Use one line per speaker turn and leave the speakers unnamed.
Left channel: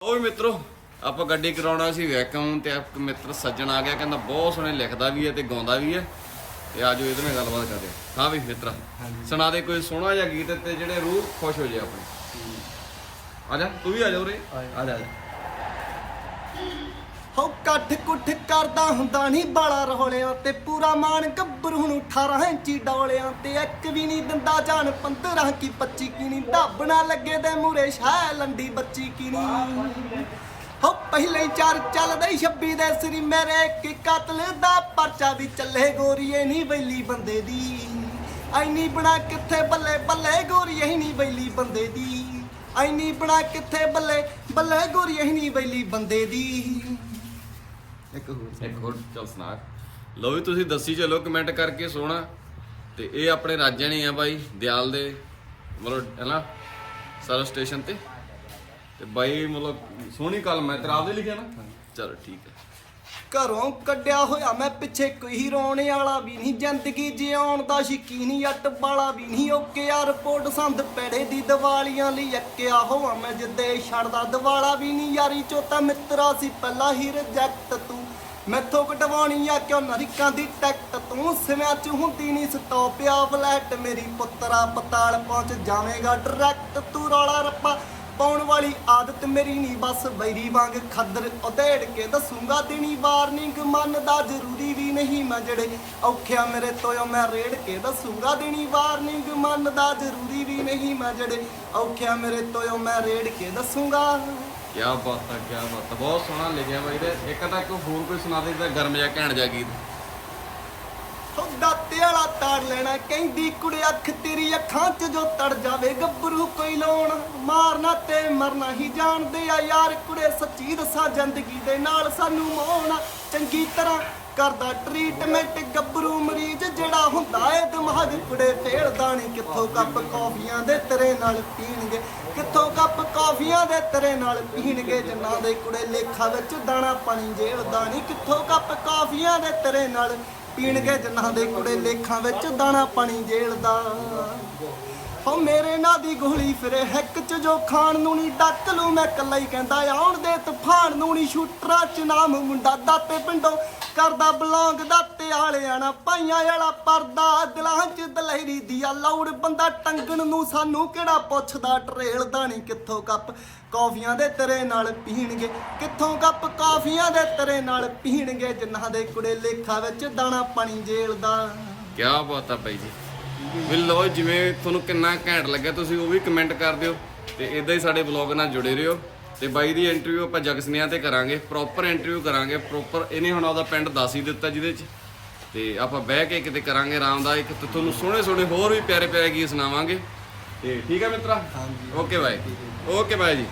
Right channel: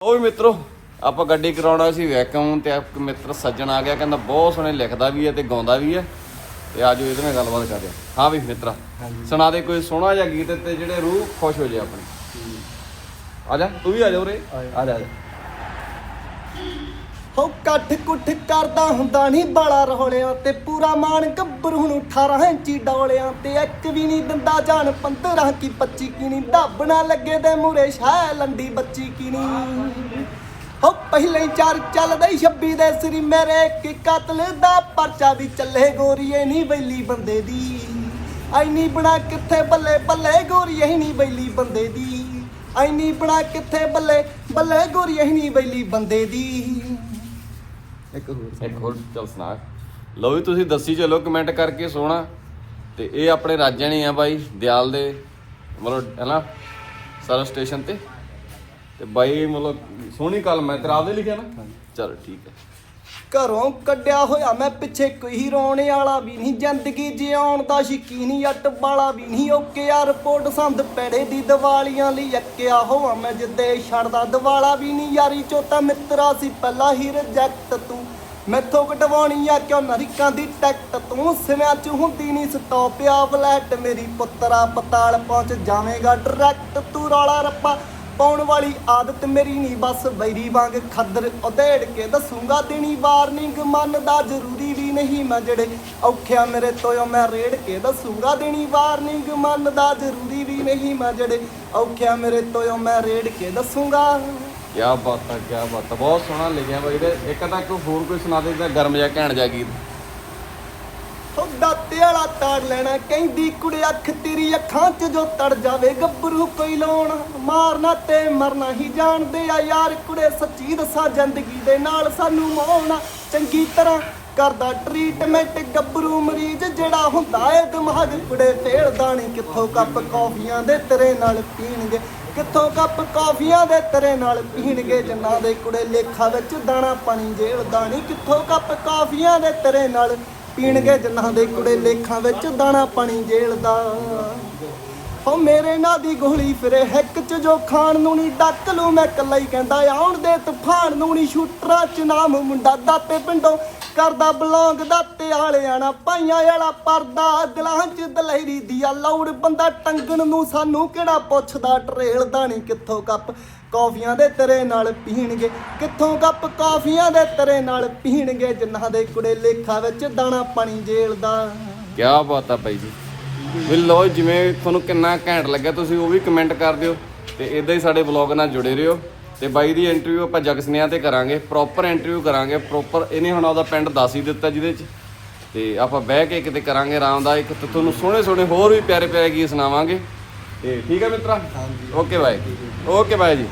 ਉਹ ਵੀ ਮਿੱਤਰੋ ਆਪਾਂ ਗੱਡੀ ਕਰਾਉਣਾ ਸੀ ਵੈਕਮ ਤੇ ਇੱਕ ਮਿੱਤਰ ਸੱਜਣ ਆ ਗਿਆ ਕਹਿੰਦਾ ਬਹੁਤ ਸੋਹਣੇ ਲਿਖਦਾ ਵੀ ਹੈ ਤੇ ਗਾਉਂਦਾ ਵੀ ਹੈ। ਤੇ ਆਜੋ ਇਹਦੇ ਨਾਲ ਗੱਲਬਾਤ ਕਰਦੇ ਹਾਂ। ਹਾਂ ਵੀ ਮਿੱਤਰਾ ਸੁਣਾ ਦੇ ਕੋਈ ਸੋਹਣਾ ਜਿਹਾ ਗੀਤ ਤੇ ਜਿਹੜੇ ਰੂਹ ਖੁਸ਼ ਹੋ ਜਾਏ ਆਪਣੀ। ਆ ਜਾ ਤੂੰ ਵੀ ਆ ਜਾ ਉਰੇ। ਆ ਜਾ ਆ ਜਾ।
ਹੋ ਕੱਠ ਕੁੱਠ ਕਰਦਾ ਹੁੰਦਾ ਨਹੀਂ ਬਾਲਾ ਰੋਲਿਆਂ ਤੇ। ਪੂਰਾ ਮਾਨ ਗੱਭਰੂ ਨੂੰ 18 ਇੰਚੀ ਡੋਲਿਆਂ ਤੇ। ਇੱਕ ਵੀ ਨਹੀਂ ਦਿੰਦਾ ਜਾਨ 15 ਕੀ 25 ਕੀ ਦੱਬ ਨਾ ਲੱਗੇ ਤੇ ਮੂਰੇ ਸ਼ਾਹ ਲੰਡੀ ਬੱਚੀ ਕੀ ਹੋ ਪਹਿਲੇ ਚਾਰ ਚੱਲਦੇ 26 ਦੇ ਸ੍ਰੀ ਮੇਰੇ ਕੀ ਕਤਲ ਦਾ ਪਰਚਾ ਵੀ ਚੱਲੇ ਗੋਰੀਏ ਨਹੀਂ ਬੈਲੀ ਬੰਦੇ ਦੀ। ਐਨੀ ਬਣਾ ਕਿੱਥੇ ਬੱਲੇ ਬੱਲੇ ਗੋਰੀਏ ਨਹੀਂ ਬੈਲੀ ਬੰਦੇ ਦੀ। ਐਨੀ ਬਣਾ ਕਿੱਥੇ ਬੱਲੇ ਬੱਲੇ ਗੋਰੀਏ ਨਹੀਂ ਬੈਲੀ ਬੰਦੇ ਦੀ। ਇੱਕ ਹੋਰ
ਇੱਕ ਹੋਰ ਚੱਲ ਸੁਣਾ। ਲਓ ਵੀ ਤੁਸੀਂ ਦੱਸੀ ਚਲੋ ਕਮੈਂਟ ਕਰਕੇ ਸੋਹਣਾ। ਤੇ ਇਹ ਆਪਣੇ ਰਾਜਣੀ ਆ ਬਾਈ ਦਿਆਲ ਦੇ ਮਤਲਬ ਹੈ ਨਾ ਸਰਵ ਸਟੇਸ਼ਨ ਤੇ। ਤੇ ਬਾਈ ਮਤਲਬ ਸੋਹਣੀ ਕਲਮ ਹੈ ਤੇਰਾ ਆਪਦੇ ਲਿਖਿਆ ਨਾ? ਚਲੋ ਠੀਕ ਹੈ।
ਘਰੋਂ ਕੱਢਿਆ ਹੋਇਆ ਮੈਂ ਪਿੱਛੇ ਕੋਈ ਰੋਣ ਵਾਲਾ ਵੀ ਨਹੀਂ ਜ਼ਿੰਦਗੀ ਜਿਉਣ ਦਾ ਸ਼ਕੀਨੀ ਅੱਟ ਵਾਲਾ ਵੀ ਨਹੀਂ। ਓਕੇ ਆ ਰਿਪੋਰਟ ਸੰਦ ਪੈੜੇ ਦੀ ਦੀਵਾਲੀਆਂ ਲਈ ਅੱਕਿਆ ਹੋਇਆ ਮੈਂ ਜਿੱਦੇ ਛੱਡਦਾ ਦਿਵਾਲਾ ਵੀ ਨਹੀਂ। ਯਾਰੀ ਚੋ ਤਾਂ ਮਿੱਤਰਾ ਸੀ ਪਹਿਲਾਂ ਹੀ ਰਿਜੈਕਟ ਤੂੰ। ਮੈਥੋਂ ਕਟਵਾਉਣੀ ਆ ਕਿਉਂ? ਅਮਰੀਕਾਂ ਦੀ ਟਿਕਟ ਤੂੰ ਸਿਵਿਆਂ ਚ ਹੁੰਦੀ ਨਹੀਂ ਸਟਾਪ ਆ ਫਲੈਟ ਮੇਰੀ ਪੁੱਤਰਾ ਪਤਾਲ ਪਹੁੰਚ ਜਾਵੇਂਗਾ ਡਾਇਰੈਕਟ ਤੂੰ ਰੌਲਾ ਰੱਪਾ ਪਾਉਣ ਵਾਲੀ ਆਦਤ ਮੇਰੀ ਨਹੀਂ ਬਸ ਬੈਰੀ ਵਾਂਗ ਖੱਦਰ ਉਧੇੜ ਕੇ ਦੱਸੂਗਾ ਦੇਣੀ ਵਾਰਨਿੰਗ ਮੰਨਦਾ ਜ਼ਰੂਰੀ ਵੀ ਨਹੀਂ ਮੈਂ ਜਿਹੜੇ ਔਖਿਆ ਮੇਰੇ ਤੋਇਓ ਮੈਂ ਰੇੜ ਕੇ ਦੱਸੂਗਾ ਦੇਣੀ ਵਾਰਨਿੰਗ ਮੰਨਦਾ ਜ਼ਰੂਰੀ ਵੀ ਨਹੀਂ ਮੈਂ ਜਿਹੜੇ ਔਖਿਆ ਮੇਰੇ ਤੋਇਓ ਮੈਂ ਰੇੜ ਕੇ ਦੱਸੂਗਾ।
ਕੀ ਬਾਤ ਆ ਕੀ ਬਾਤ ਆ। ਬਹੁਤ ਸੋਹਣਾ ਲਿਖਿਆ ਬਾਈ ਦੇ ਇੱਕ ਤਾਂ ਕੋਈ ਹੋਰ ਕੋਈ ਸੁਣਾ ਦੇ ਤਾਂ ਗਰਮ ਜਿਹਾ ਘੈਂਟ ਜਿਹਾ ਗੀਤ।
ਤੁਹਾਡਾ ਵਾਲਾ ਤਾਰ ਲੈਣਾ, ਕਹਿੰਦੀ ਕੁੜੀ ਅੱਖ ਤੇਰੀ ਅੱਖਾਂ 'ਚ ਜੋ ਤੜ ਜਾਵੇ, ਗੱਭਰੂ ਕੋਈ ਲਾਉਣਾ। ਮਾਰਨਾ ਤੇ ਮਰਨਾ ਹੀ ਜਾਣਦੇ ਆ ਯਾਰ, ਕੁੜੇ ਸੱਚੀ ਦੱਸਾਂ ਜ਼ਿੰਦਗੀ ਦੇ ਨਾਲ ਸਾਨੂੰ ਮੋਹਣਾ। ਚੰਗੀ ਤਰ੍ਹਾਂ ਕਰਦਾ ਟ੍ਰੀਟਮੈਂਟ ਗੱਭਰੂ ਮਰੀਜ਼ ਜਿਹੜਾ ਹੁੰਦਾ ਏ ਦਿਮਾਗ ਕੁੜੇ ਫੇਲਦਾ ਨਹੀਂ ਕਿੱਥੋਂ ਕੱਪ ਕੌਫੀਆਂ ਦੇ ਤੇਰੇ ਨਾਲ ਪੀਣਗੇ। ਕਿੱਥੋਂ ਕੱਪ ਕੌਫੀਆਂ ਦੇ ਤੇਰੇ ਨਾਲ ਪੀਣਗੇ ਜਿਨ੍ਹਾਂ ਦੇ ਕੁੜੇ ਲੇਖਾ ਵਿੱਚ ਦਾਣਾ ਪਾਣੀ ਜੇਲਦਾ ਨਹੀਂ ਕਿੱਥੋਂ ਕੱਪ ਕੌਫੀਆਂ ਦੇ ਤੇਰੇ ਨਾਲ ਪੀਣਗੇ ਜਿਨ੍ਹਾਂ ਦੇ ਕੁੜੇ ਲੇਖਾਂ ਵਿੱਚ ਦਾਣਾ ਪਾਣੀ ਜੇਲਦਾ ਹੋ ਮੇਰੇ ਨਾਂ ਦੀ ਗੋਲੀ ਫਿਰੇ, ਹੈਕ ਚ ਜੋ ਖਾਣ ਨੂੰ ਨਹੀਂ ਡੱਕ ਲੂ ਮੈਂ ਕੱਲਾ ਹੀ ਕਹਿੰਦਾ, ਆਉਣ ਦੇ ਤੂਫਾਨ ਨੂੰ ਨਹੀਂ ਸ਼ੂਟਰਾਂ ਚ ਨਾਮ ਮੁੰਡਾ ਦਾਤੇ ਪਿੰਡੋਂ। ਕਰਦਾ ਬਲੌਂਗ ਦਾਤੇ ਵਾਲਿਆਂ ਪਾਈਆਂ ਵਾਲਾ ਪਰਦਾ। ਦਿਲਾਂ ਚ ਦਲਹਿਰੀ ਦੀਆ ਲੌੜ, ਬੰਦਾ ਟੰਗਣ ਨੂੰ ਸਾਨੂੰ ਕਿਹੜਾ ਪੁੱਛਦਾ? ਟਰੇਲਦਾ ਨਹੀਂ ਕਿੱਥੋਂ ਕੱਪ? ਕੌਫੀਆਂ ਦੇ ਤੇਰੇ ਨਾਲ ਪੀਣਗੇ। ਕਿੱਥੋਂ ਕੱਪ? ਕੌਫੀਆਂ ਦੇ ਤੇਰੇ ਨਾਲ ਪੀਣਗੇ। ਜਿਨ੍ਹਾਂ ਦੇ ਕੁੜੇ ਲੇਖਾ ਵਿੱਚ ਦਾਣਾ ਪਾਣੀ ਜੇਲਦਾ।
ਕੀ ਬਾਤ ਆ ਬਾਈ ਜੀ। ਵੀ ਲੋ ਜਿਵੇਂ ਤੁਹਾਨੂੰ ਕਿੰਨਾ ਘੈਂਟ ਲੱਗਿਆ, ਤੁਸੀਂ ਉਹ ਵੀ ਕਮੈਂਟ ਕਰ ਦਿਓ ਤੇ ਇਦਾਂ ਹੀ ਸਾਡੇ ਵਲੌਗ ਨਾਲ ਜੁੜੇ ਰਹੋ। ਤੇ ਬਾਈ ਦੀ ਇੰਟਰਵਿਊ ਆਪਾਂ ਜਗਸਨਿਆ ਤੇ ਕਰਾਂਗੇ ਪ੍ਰੋਪਰ ਇੰਟਰਵਿਊ ਕਰਾਂਗੇ ਪ੍ਰੋਪਰ ਇਹਨੇ ਹੁਣ ਉਹਦਾ ਪਿੰਡ ਦੱਸ ਹੀ ਦਿੱਤਾ ਜਿਹਦੇ ਚ। ਤੇ ਆਪਾਂ ਬਹਿ ਕੇ ਕਿਤੇ ਕਰਾਂਗੇ ਆਰਾਮ ਦਾ ਇੱਕ ਤੇ ਤੁਹਾਨੂੰ ਸੋਹਣੇ ਸੋਹਣੇ ਹੋਰ ਵੀ ਪਿਆਰੇ ਪਿਆਰੇ ਗੀਤ ਸੁਣਾਵਾਂਗੇ। ਤੇ ਠੀਕ ਹੈ ਮਿੱਤਰਾ? ਓਕੇ ਬਾਈ। ਓਕੇ ਬਾਈ ਜੀ।